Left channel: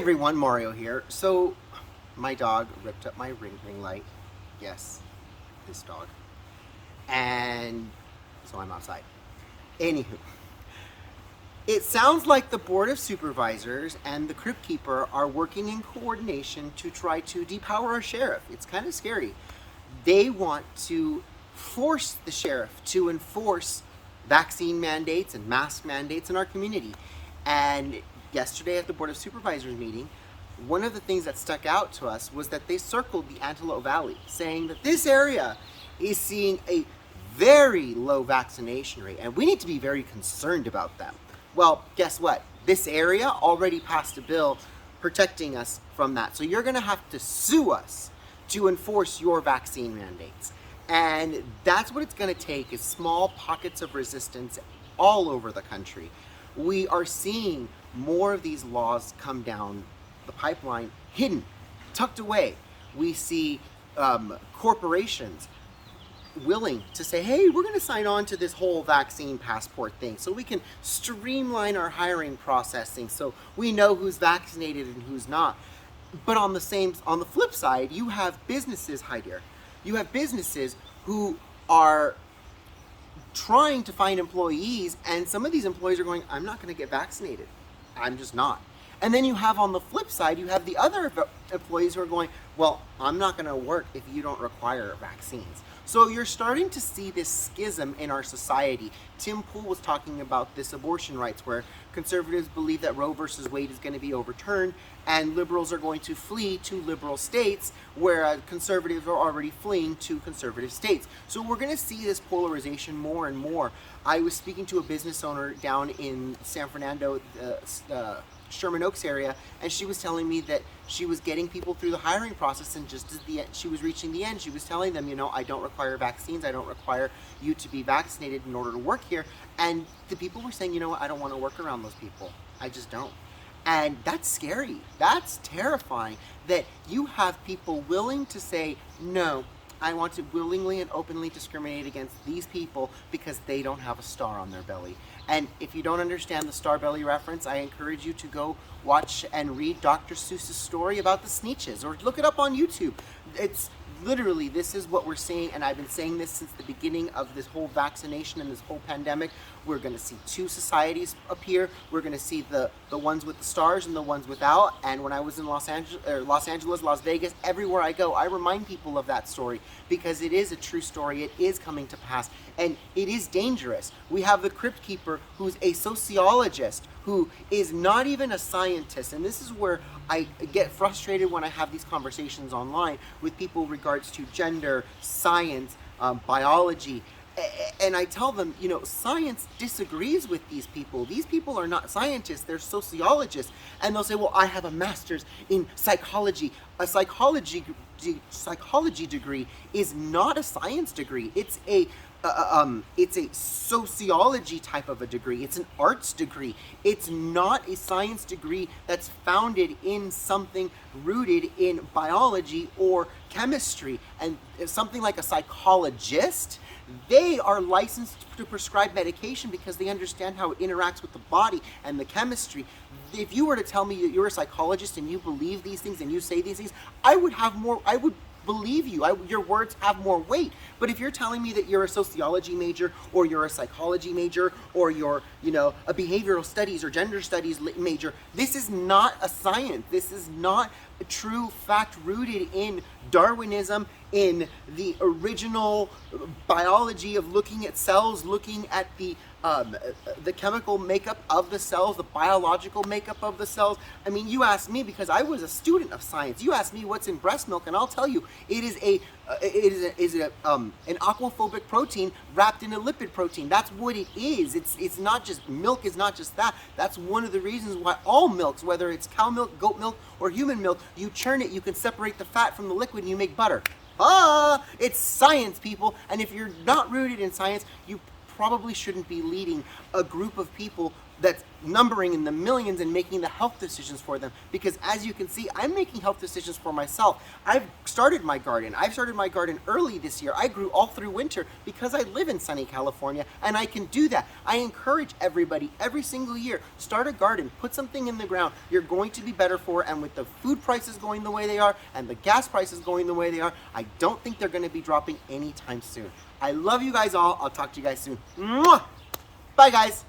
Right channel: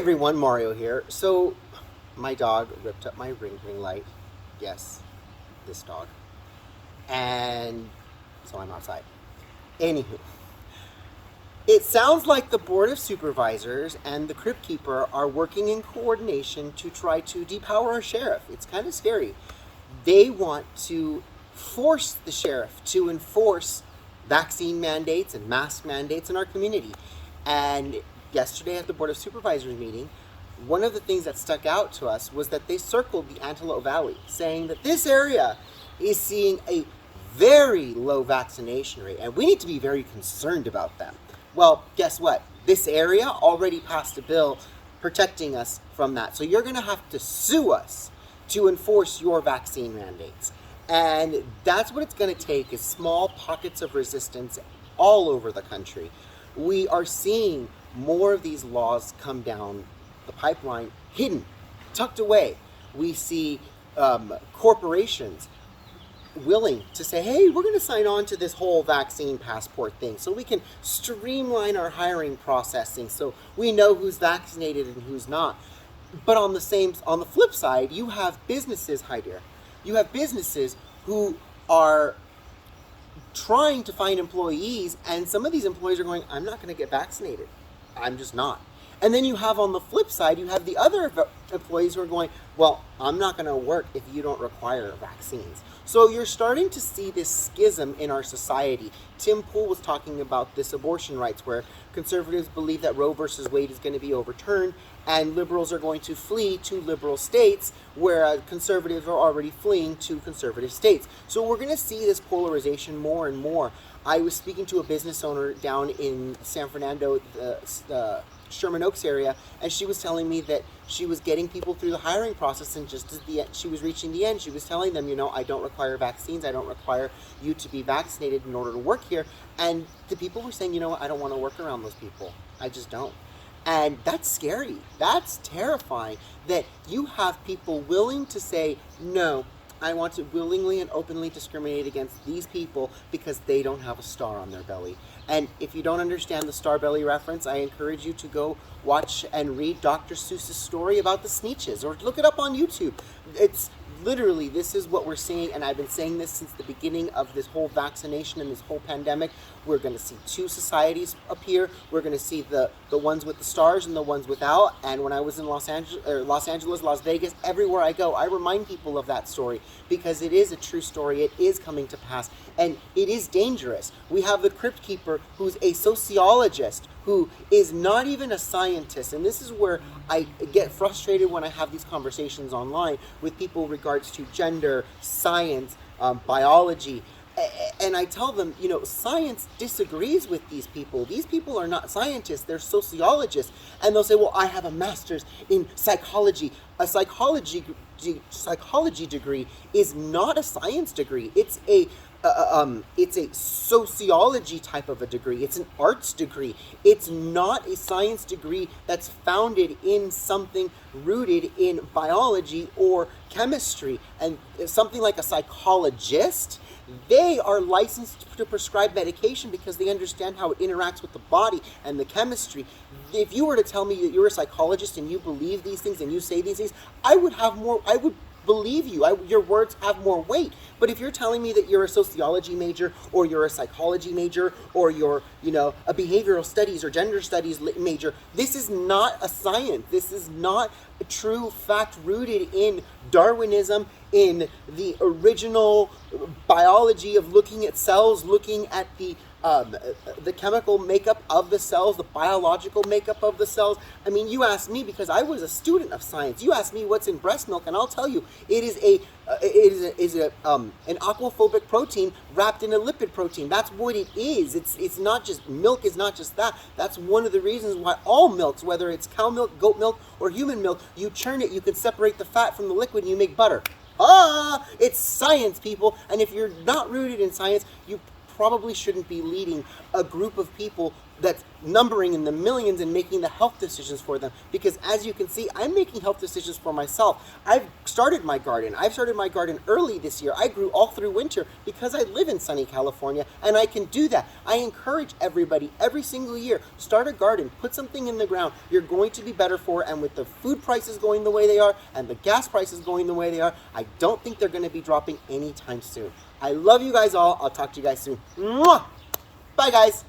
everyone, Mario here. So, my dog ripped up my ring light. Yes, this dog. And so I'm outside. Anywho, it sounds like the Board of Supervisors and the Crypt Keeper are working in coordination to try to depower our sheriff. It's kind of scary. They want to force the sheriff to enforce vaccine mandates and mask mandates in our community. And yesterday at the Board of Supervisors meeting, one of the things that stuck out to us was that they circled the Antelope Valley, saying that this area is seeing a very low vaccination rate, and we need to be very concerned about them. Well, guess what? This area already passed a bill protecting us from that. So you're going to have to sue us to enforce your vaccine mandates. And that's what it's going to take, is small pockets of resistance all over the country. We are seeing more of these laws come down the pipeline, hidden, tucked away. We see corporations willing to say, hey, we're going to sign on to this whole vaccine passport thing so we can streamline our hiring processing so we know who's vaccinated and who's not. But on the flip side, you have businesses, Heidier. You have businesses who are trying to find employees, and some of these employees are going, I'm not going to get vaccinated. I'm just not. And then you have on the flip side, you have the other employees who are going, well, I'm not going to work if you don't require vaccines. So you're starting to see this schism in our society. Tim Pool was talking about this abortion rights, where conservatives believe that Roe versus Wade is going to be overturned, and liberals are going to flee to liberal states, where conservatives are already fleeing to conservative states. So we're going to see this polarization more and more. I was speaking to a business owner down in San Fernando, Sherman Oaks area, and she was telling me that she was getting people through the hiring process, and just as she was reaching the end, she was telling them, I don't require vaccines, I don't require you to be vaccinated in order to work here. And the people were saying, I don't want to work around those people. I just don't. And that's scary. That's terrifying, that you have people willing to say, no, I want to willingly and openly discriminate against these people because they don't have a star on their belly. And if you don't understand the star belly reference, I encourage you to go watch and read Dr. Seuss's story about the Sneetches, or look it up on YouTube. It's literally, this is what we're seeing, and I've been saying this since the beginning of this whole vaccination and this whole pandemic. We're going to see two societies appear. We're going to see the ones with the stars and the ones without. And when I was in Los Angeles, Las Vegas, everywhere I go, I remind people of that story, because it is a true story. It is coming to pass, and it is dangerous. We have the Crypt Keeper, who's a sociologist, who is not even a scientist. And this is where I get frustrated when I have these conversations online with people regards to gender, science, biology. And I tell them, science disagrees with these people. These people are not scientists, they're sociologists. And they'll say, well, I have a master's in psychology. A psychology degree is not a science degree. It's a sociology type of a degree. It's an arts degree. It's not a science degree that's founded in something rooted in biology or chemistry. And something like a psychologist, they are licensed to prescribe medication because they understand how it interacts with the body and the chemistry. If you were to tell me that you're a psychologist and you believe these things and you say these things, I would believe you. Your words have more weight. But if you're telling me that you're a sociology major, or you're a psychology major, or you're, a behavioral studies or gender studies major, this is not a science. This is not a true fact rooted in Darwinism, in the original biology of looking at cells, looking at the chemical makeup of the cells, the biological makeup of the cells. I mean, you asked me, because I was a student of science, you asked me what's in breast milk, and I'll tell you, it is an aquaphobic protein wrapped in a lipid protein. That's what it is. It's not just milk. Is not just that. That's one of the reasons why all milks, whether it's cow milk, goat milk, or human milk, you churn it, you can separate the fat from the liquid, and you make butter. It's science, people. And if you're not rooted in science, you probably shouldn't be leading a group of people that's numbering in the millions and making the health decisions for them. Because as you can see, I'm making health decisions for myself. I've started my garden. I've started my garden early this year. I grew all through winter because I live in sunny California and I can do that. I encourage everybody every single year, start a garden, put something in the ground. You're going to be better for it. And with the food prices going the way they are and the gas prices going the way they are, I don't think they're going to be dropping anytime soon. I love you guys all. I'll talk to you guys soon. Mwah! Bye guys.